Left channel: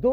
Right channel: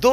2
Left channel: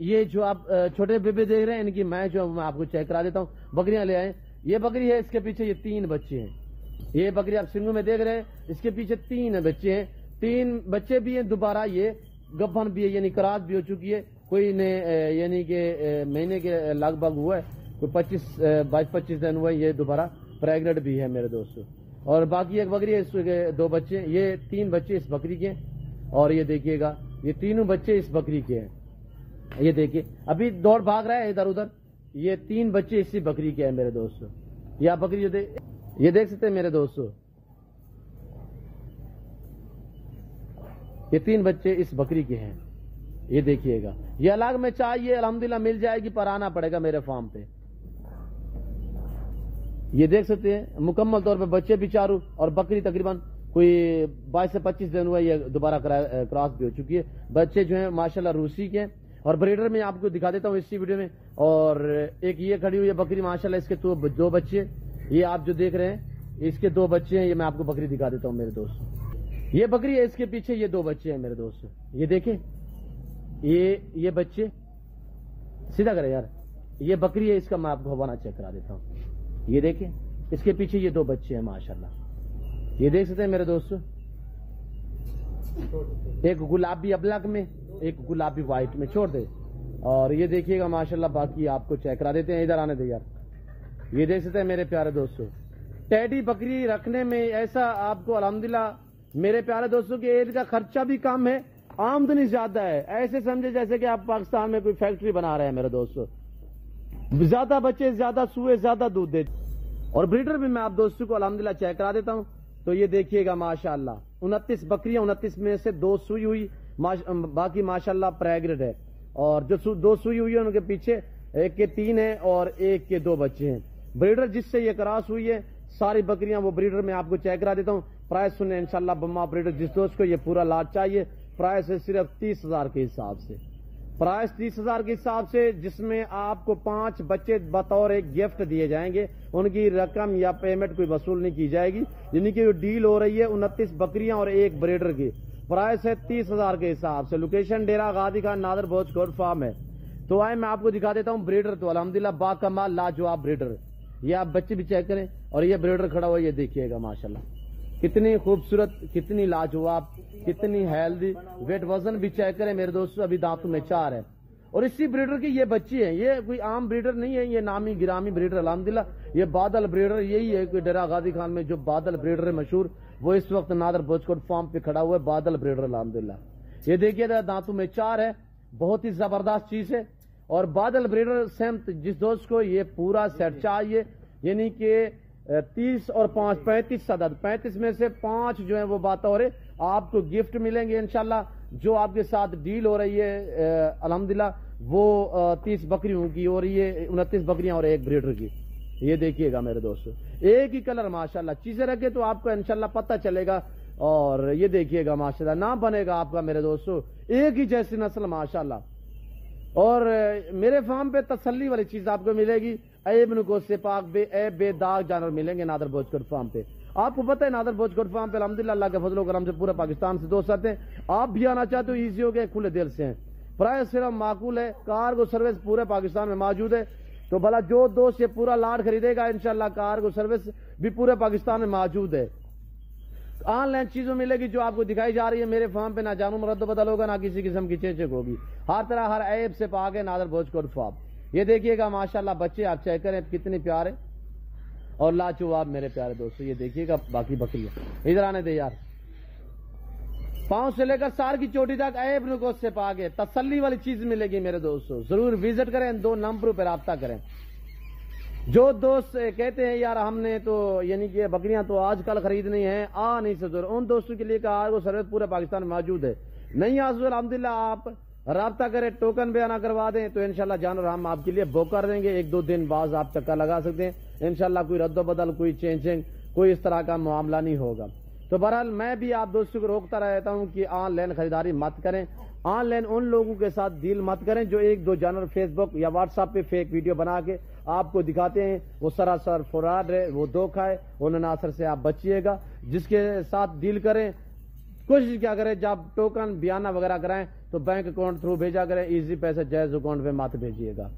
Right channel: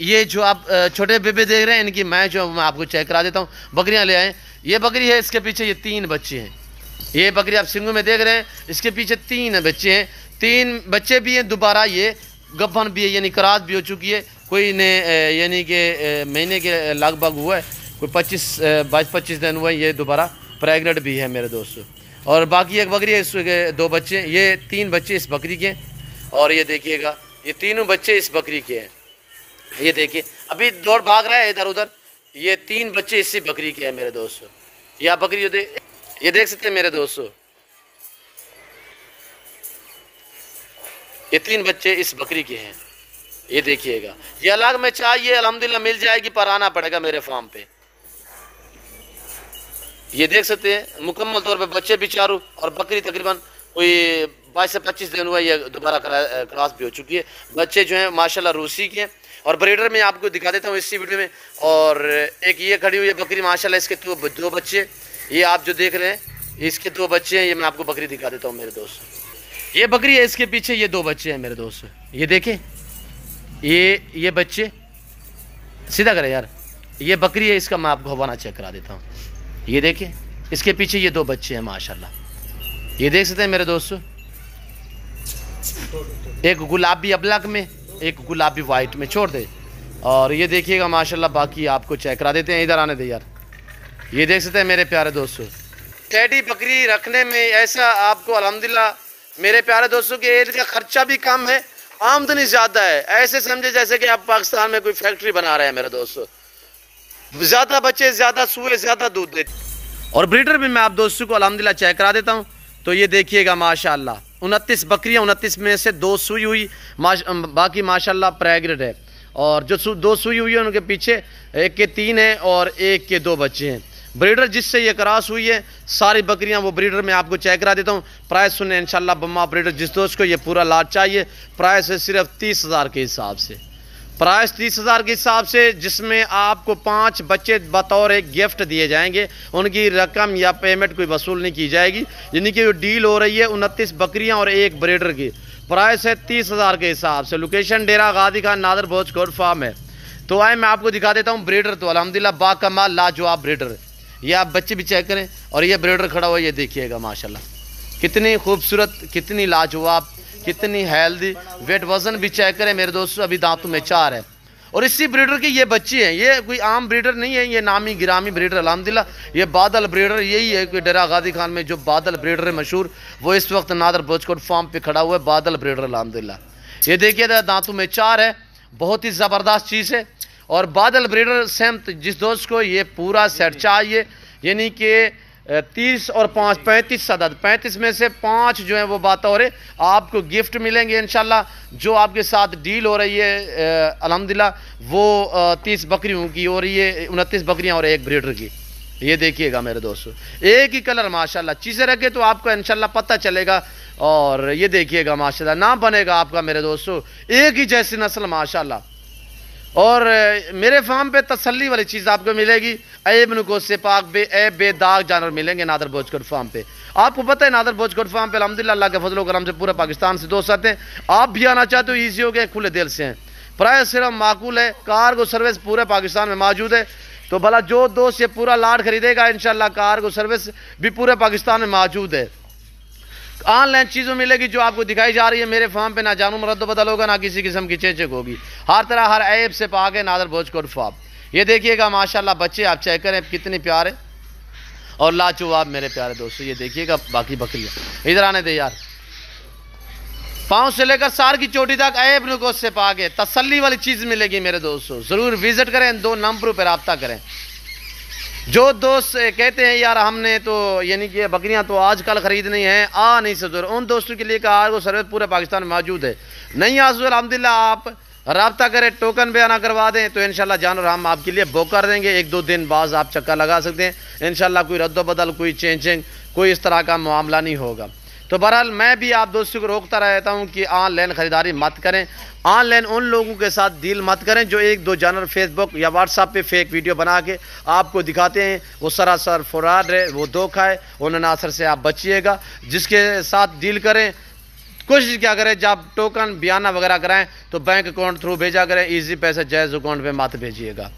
یہ جو آپ چھوٹے بیبے دیکھ رہے ہیں ان کی میں جو میں آپ کو چیک کرا دیتا ہوں. بکریاں لے آئیں. یہ بکری ہے, اس کے پیچھے یہ 3 بچے ہیں. یہ بکری آپ سنگھو میں دیکھ رہے ہیں, اس کے پیچھے 3 بچے ہیں. 3 بچے بھی ہیں, دوبارہ یہ گبھن بھی ہے, یعنی کراس بھی ہو چکی ہے. کوئی نے یعنی کہ مہینے کے لگ بھگ ہوا ہے, کوئی 22-25 دن ہوا ہے. یہ دوبارہ پریگنٹ بھی ہے میرے دوستو. اور باقی ایک بکری ہے, اس کے 2 بچے. یہ 3 بچے اس بکری کے, اور یہ دیکھیے گا یہ تینوں بچے اس بکری کے ہیں. یہ دیکھیے ابھی دوڑ بھاگ رہا ہے ادھر ادھر. یہ 3 بچے اسی بکری کے ہیں میرے دوستو. یہ بکری یہ دیکھ سکتے ہیں میرے دوستو, یہ 3 بچے اس بکری کے ہیں. یہ دیکھیے گا, یہ الگ میں چاہیے الحمدللہ مل جائے گی, پر آنا پڑے گا میرے فارم پہ. یہ دیکھ سکتے ہیں مکمل طور پہ بچے بھی چاروں, اور بکری تقریباً کوئی 22 سے 25 دن ہوا ہے. یہ دوبارہ کراس بھی ہو چکی ہے. بچے جو ہیں ماشاءاللہ روسی کے ہیں. اور بریڈر میں آپ کو دکھا دیتا ہوں اسی ویڈیو میں. اور ایک یہ کھڑی ہوئی ہے بکری ماشاءاللہ, اس کے 2 بچے. یہ آپ جو دیکھ رہے ہیں اس کے 2 بچے ہیں. یہ میں آپ کو بکری دکھا دیتا ہوں میرے دوست. یہ بکری ہے, اس کے پیچھے یہ 2 بچے ہیں میرے دوست. یہ دیکھیں یہ بچے سیدھا کرے یار. یہ بکری ہے, اس کا میں آپ کو حوالہ چیک کرا دیتا ہوں. یہ دیکھیں اس کے پیچھے یہ 2 بچے ہیں ماشاءاللہ. یہ دیکھ سکتے ہیں میرے دوستو, ایک گلابی ابلک میں, ایک گلابی وائٹ میں. چھوڑ دے. اور یہ دیکھیے گا ماشاءاللہ, باقی آپ کو چیک کرا دیتے ہیں. ادھر آنے دے یار. یہ دیکھ سکتے ہیں میرے پیارے دوستو, ٹیڈی بکری رکھنے میں ایسا آپ کو الحمدللہ میرے پیارے دوستوں کہ عید کا خرچہ بھی کم ہے, آمدنی زیادہ ہے. ایسے سمجھے جیسے کہ آپ پاکستان میں کوئی فیکٹری بنا رہے ہیں میرے دوستو. زیادہ بچے, زیادہ سوئے, زیادہ دودھ دیتے. اور بریڈر بھی میں آپ دوستوں کو الحمدللہ چیک کرا دیتا ہوں. تو یہ دیکھیے گا ماشاءاللہ 29 بکریاں, 29 میں سے 2 سوئی ہوئی, باقی ماشاءاللہ پریگنٹ ہے. اور جو 2 سوئی ہوئی ہیں ان کے پیچھے ایک کے 3 ہیں اور ایک کے 2 بچے ہیں. بریڈر جس سے یہ کراس ہوئی ہے ساری بکریاں, وہ بریڈر میں آپ کو چیک کرا دیتا ہوں. پرائس سنیں انشاءاللہ بما بریڈر, جس دوست کو یہ پورا لاٹ چاہیے پرائس ہے صرف 30,000 کے حساب سے. پرائس 30,000 کے حساب سے, جس میں آپ کو 5 بچے بطور ایک گفٹ دیے جائیں گے. ان کی رقم یا پیمنٹ کوئی وصول نہیں کی جائے گی. یعنی کہ جو ڈیل ہو رہی ہے 29 بکریاں اور ایک بریڈر کی, پرائس ہے 30,000 کے حساب سے. لوکیشن ڈیرا غازی خان نادر بوچ گوڈ فارم ہے. تو آئے میں آپ کو دکھا دیتا ہوں بریڈر. تو الحمدللہ با کمال لاجواب بریڈر. یہ آپ بچے بھی چیک کریں. اور یہ بریڈر کھڑا ہوا, یہ دیکھیے گا ماشاءاللہ کتنی خوبصورت, کتنی لاجواب, کتنی ہیلدی. ویٹ وزن بھی چیک کریں میرے دوستو, ابھی دانتوں میں 4 ہے. اور اسی بریڈر کے یہ بچے ہیں. یہ کوئی عام بریڈر نہیں ہے, یہ نامی گرامی بریڈر الحمدللہ. یہ بادل بریڈر یہی ہے کہ ڈیرا غازی خان میں جو بادل بریڈر ہے مشہور, وہ اس وقت نادر بوچکوٹ فارم پہ کھڑا ہوا ہے, بادل بریڈر الحمدللہ. یہ دیکھیے دانتوں میں 4 ہے, بہت ہی زبردست چیز ہے. اور بادل بریڈر سمت جس دوست کو یہ پورا سیٹ چاہیے, یعنی کہ 30 اور 5 35 عدد, 35 میں سے 5 جو ہیں وہ بطور آپ کو گفٹ ملیں گے انشاءاللہ. جو آپ کے ساتھ ڈیل ہو رہی ہے الحمدللہ وہ 30 بکریوں کی ہو رہی ہے, 29 بکریاں اور ایک بریڈر کی. یہ دیکھیے گا میرے دوستو, ایک ہی کلر ماشاءاللہ. چیزیں رکھے تو آپ کو انشاءاللہ پتہ چلے گا. اور یہ دیکھیے گا ماشاءاللہ, نام بنے گا آپ کا میرے دوستو, ایک ہی جیسی نسل ماشاءاللہ. اور میرے فارم پہ تسلی والی چیز آپ کو ملے گی. عیب نکوس سے پاک بے داغ جانور ملیں گے نادر بوچکوٹ فارم پہ. آپ کو پتہ ہے نادر بوچکوٹ فارم پہ الحمدللہ اللہ کے فضل و کرم سے پورے پاکستان سے دوست آتے ہیں. آپ بھی آنا چاہتے ہو ایزی ہو گئے, کھلے دل سے ہیں. پرائس صرف معقول ہے. کارگو سروس پورے پاکستان میں موجود ہے. تو بھلا جو دوست یہ پورا لاٹ خریدے گا انشاءاللہ کارگو سروس بھی پورے پاکستان میں موجود ہے. آن لائن چیزوں ملے گی جو آپ کو دکھائی جا رہی ہے. میرے فارم پہ نہ جانو مرد و بدل ہوگا, نہ کسی قسم کی چیچک ہوگی. ہر طرح ہر عیب سے پاک ہے نادر بوچکوٹ فارم. یہ دیکھیے گا ماشاءاللہ بچے آپ چیک کریں کتنے پیارے اور لاجواب میرے پیارے دوستو. یہ دیکھیے گا باقی بکریاں. ادھر آنے دے یار. پاؤں سے لے کر سار کی چوٹی تک عیب نکوس سے پاک ہے. تسلی والی چیز ملے گی میرے دوستو. ضرور وزٹ کریں, 2 نمبروں پہ رابطہ کریں. جو دوست کہتے ہیں یار ہم نے تو یعنی کہ بکریاں تو آج کل خریدنی ہیں, آ نہیں سکتے, ان دوستوں کے لیے کارگو سروس پورے پاکستان میں موجود ہے. نہیں آسو الحمدللہ آپ رابطہ کریں, ٹوکن بیانہ کروا دیں تو انشاءاللہ جانور ہم آپ کے لیے بک کر دیں گے. 1-2 دن بعد آپ چکر لگا سکتے ہیں انشاءاللہ. کوئی رد و بدل, کوئی چینجنگ, کوئی اس طرح کا معاملہ نہیں ہوگا. تو بہرحال میں بھی آپ دوستوں کو روکتا رہتا ہوں کہ آن لائن خریداری مت کریں. آن لائن ان لوگوں کے ساتھ ڈیل مت کریں جو 1-2 جانور فیس بک یا واٹس ایپ پہ فیک ویڈیو بنا کے آپ کو دکھاتے ہیں. وہ سراسر فراڈ ہے, وہ دھوکہ ہے. ان عناصر سے آپ بچیے گا. جس کے ساتھ ڈیل کریں کوشش کیا کریں جب ٹوکن بیانہ وغیرہ کرائیں تو بینک اکاؤنٹ تھرو بھیجا کریں، ایزی پیسہ جائز اکاؤنٹ پہ مت بھیجیے گا۔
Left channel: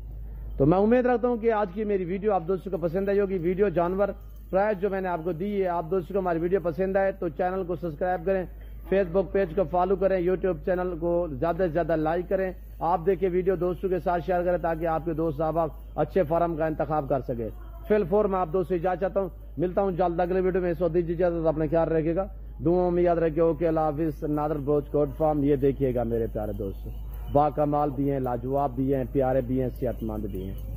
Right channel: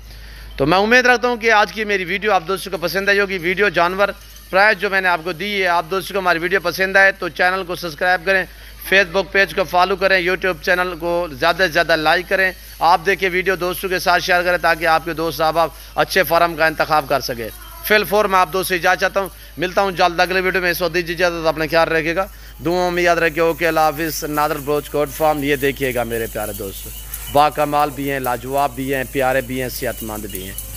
تو میں امید رکھتا ہوں کہ آج کی میری ویڈیو آپ دوستوں کو پسند آئی ہوگی۔ ویڈیو جانور پرائز جو میں نے آپ کو دی ہے، آپ دوستوں کو ہماری ویڈیو پسند آئے تو چینل کو سبسکرائب کریں، فیس بک پیج کو فالو کریں، یوٹیوب چینل کو زیادہ سے زیادہ لائک کریں، آپ دیکھیں ویڈیو دوستوں کے ساتھ شیئر کریں تاکہ آپ کے دوست احباب اچھے فارم کا انتخاب کر سکے۔ فی الفور میں آپ دوست سے اجازت چاہتا ہوں، ملتا ہوں جلد اگلے ویڈیو میں۔ اس وقت دیجیے اجازت، اپنا خیال رکھیے گا، دعاؤں میں یاد رکھیے۔ اوکے، اللہ حافظ۔ نادر بلوچ گوٹ فارم، یہ دیکھیے گا میرے پیارے دوست، با کمال بھی ہیں، لاجواب بھی ہیں، پیارے بھی ہیں، صحت مند بھی ہیں۔